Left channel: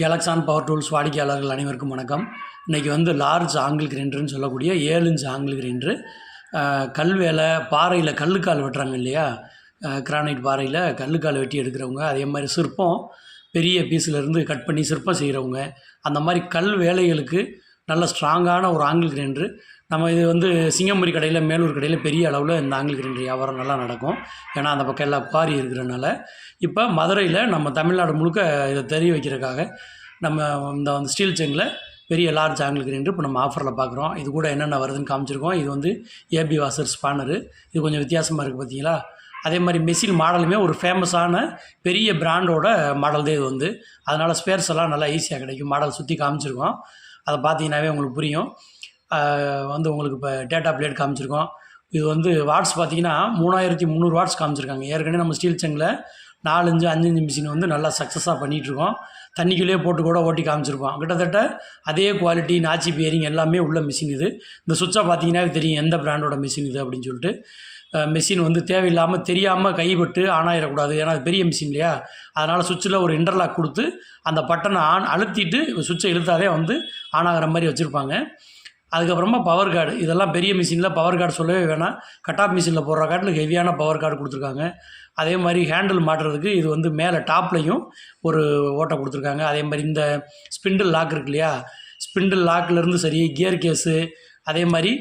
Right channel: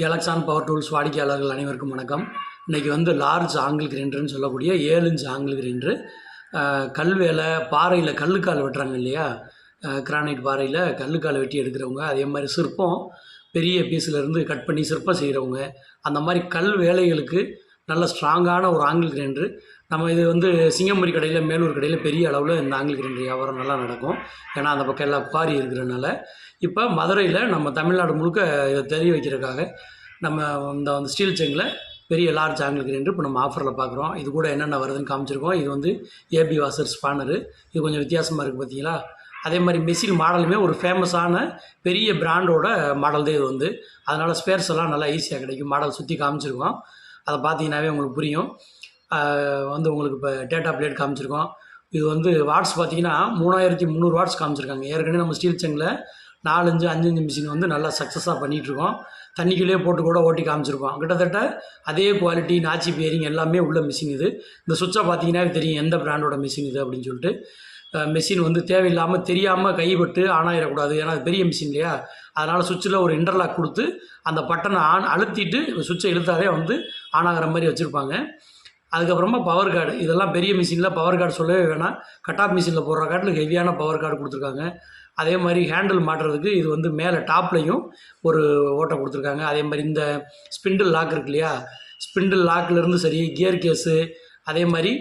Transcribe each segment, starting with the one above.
கேலக்ஸான் power tools வாடிக்கையாளர்கள் அனைவருக்கும் வணக்கம். இன்றைக்கி வந்து லார்ஜ் ஆங்கிள் கிரைண்டர்னு சொல்லக்கூடிய 7 இன்ச் ஆங்கிள் கிரைண்டரு. கல் வேலை பாறையில் கல்லுக்கால் வெட்டுறாங்க இல்லையா, கிரானைட் பாறையில் கல்லுக்கால் வெட்டி எடுக்கிறவங்க, அதே மாதிரி சிற்பம் பெரிய பீஸிலேருந்து கட் பண்ணி சிற்பம் செய்கிறவங்க, அந்த மாதிரி கல் வேலைகளுக்கு நல்ல ஸ்ட்ராங்கான ஒரு ஆங்கிள் கிரைண்டரு. நம்ம இது வந்து சிங்கம்புரி கடையில், மேலூர் கடையில் பெரிய அளவில் இந்த ஆங்கிள் கிரைண்டர் வியாபாரம் நல்லா நடக்கும். ஏன்னா அந்த பக்கம் எல்லாம் குவாரி இருக்கிறனால. இப்போ மதுரையில் நம்ம தமிழ்நாடு முழுக்க இதை தெரிய வைக்கிறதுக்காக நம்ம இந்த ஸ்டீல் செங்கில் பெரிய லார்ஜ் ஆங்கிள் கிரைண்டர் இப்போ நம்ம ஆஃபரில் பார்க்குறோம். இது கூட என்னென்ன வருதுன்னு காமிச்சிருக்கோம். இது வந்து ஏபி வாசர் ஸ்பானரு. இது கொஞ்சம் வித்தியாசமாக இருக்குது பார்த்தீங்களா. அதே மாதிரி மெஷின் மாடலுமே ஒரு ஃபேமஸான பெரிய பிராண்டோட மாடல் தான் இது வந்து. அதனால் ஸ்பேர்ஸ் எல்லாம் நல்லா ஈஸியாக கிடைக்கும். மாடல் சுற்றி காமிச்சிருக்கோம், அதை பார்த்தீங்கன்னாவே உங்களுக்கு புரியும். வந்து உங்களுக்கு இப்போ டேட்டா பிளேட் காமிச்சிருக்கோம். இது வந்து வாட்ஸ் பார்த்தீங்கன்னா 3300 வாட்ஸ் காமிச்சிருக்காங்க. ஏற்கனவே நம்ம ஸ்டீல் செங்கில் 4 இன்ச்சு 5 இன்ச்சு மிஷின் வந்து நல்லா சக்ஸஸாக பண்ணிகிட்ருக்கோம். தண்ணிக்குள்ளேயே போட்டு கூட ஓட்டி காமிச்சிருக்கோம். கிட்டத்தட்ட அதே குவாலிட்டி, நாச்சி பியரிங் எல்லாமே உள்ள மிஷின் இது. இந்த சுவிட்சை பார்த்தீங்கன்னா தெரியும் எந்த பிராண்டோட மிஷின் இது அப்படின்னு சொல்லிட்டு. மிஷின் வந்து தேவையில்லாமல் தெரியாமல் கைப்பட்டு ஆன் ஆகிடக்கூடாது. ஏன்னா அது பெரிய மிஷின் இல்லையா. அதனால் சுவிட்சில் ஒரு இன்டர்லாக் கொடுத்து அந்த பட்டனை அழுத்திட்டு சுவிட்சை இழுத்தாவே வந்து ஆன் ஆகிற மாதிரி வச்சுருப்பாங்க. அதுக்கப்புறமா பவர் கார்டு, இதெல்லாம் பெரிய மிஷினில் பவர் கார்டு சொல்லவே வேணாம். கட் ஆஃப் மிஷினில் போடுற காட்டில் ஹெவியான பவர் கார்டு கொடுத்துருக்காங்க. அதே மாதிரி ஹேண்டில் மாட்டுறதுக்கு இது வந்து மேலே டாப்லையும் ஒரு ஓட்டை கொடுத்துருக்காங்க. அதே மாதிரி இந்த ஸ்பிண்டில் லாக் இருக்கு இல்லையா, ஸ்பிண்டில் லாக்லேருந்து சரி, கியர் கேஸு, அதே மாதிரி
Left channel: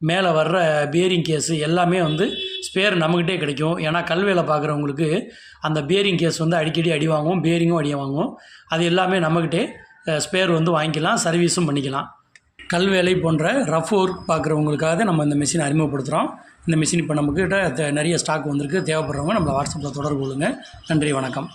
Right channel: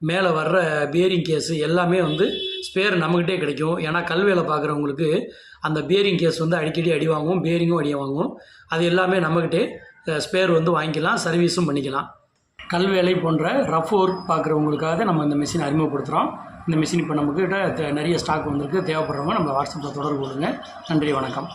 மேலே வர்ற பியரிங் கேஸு எல்லாமே வந்து ஸ்பேர் நம்மக்கிட்டே கிடைக்கும். ஏன்னா கல்வேலை பார்க்குறவங்களுக்கு அந்த பியரிங் கேஸ் வந்து அடிக்கடி அடி வாங்குவோம், பியரிங்கும் அடி வாங்குவோம். அது எல்லாமே நம்மக்கிட்டே ஸ்பேர் வந்து வாங்கிக்கலாம், சர்வீஸும் பண்ணிக்கலாம். கல்வேலை போன்ற ரஃப் ஒர்க் பார்க்குறவங்களுக்காக நம்ம இந்த மிஷின் அறிமுகப்படுத்துகிறோம். இந்த மிஷின் இப்போ நம்மக்கிட்ட நிறைய ஸ்டாக் வந்திருக்கு. தேவைப்படுறவங்க நம்ம வாட்ஸ்அப்பில் தொடர்பு கொள்ளுங்கள். நன்றி, வணக்கம்.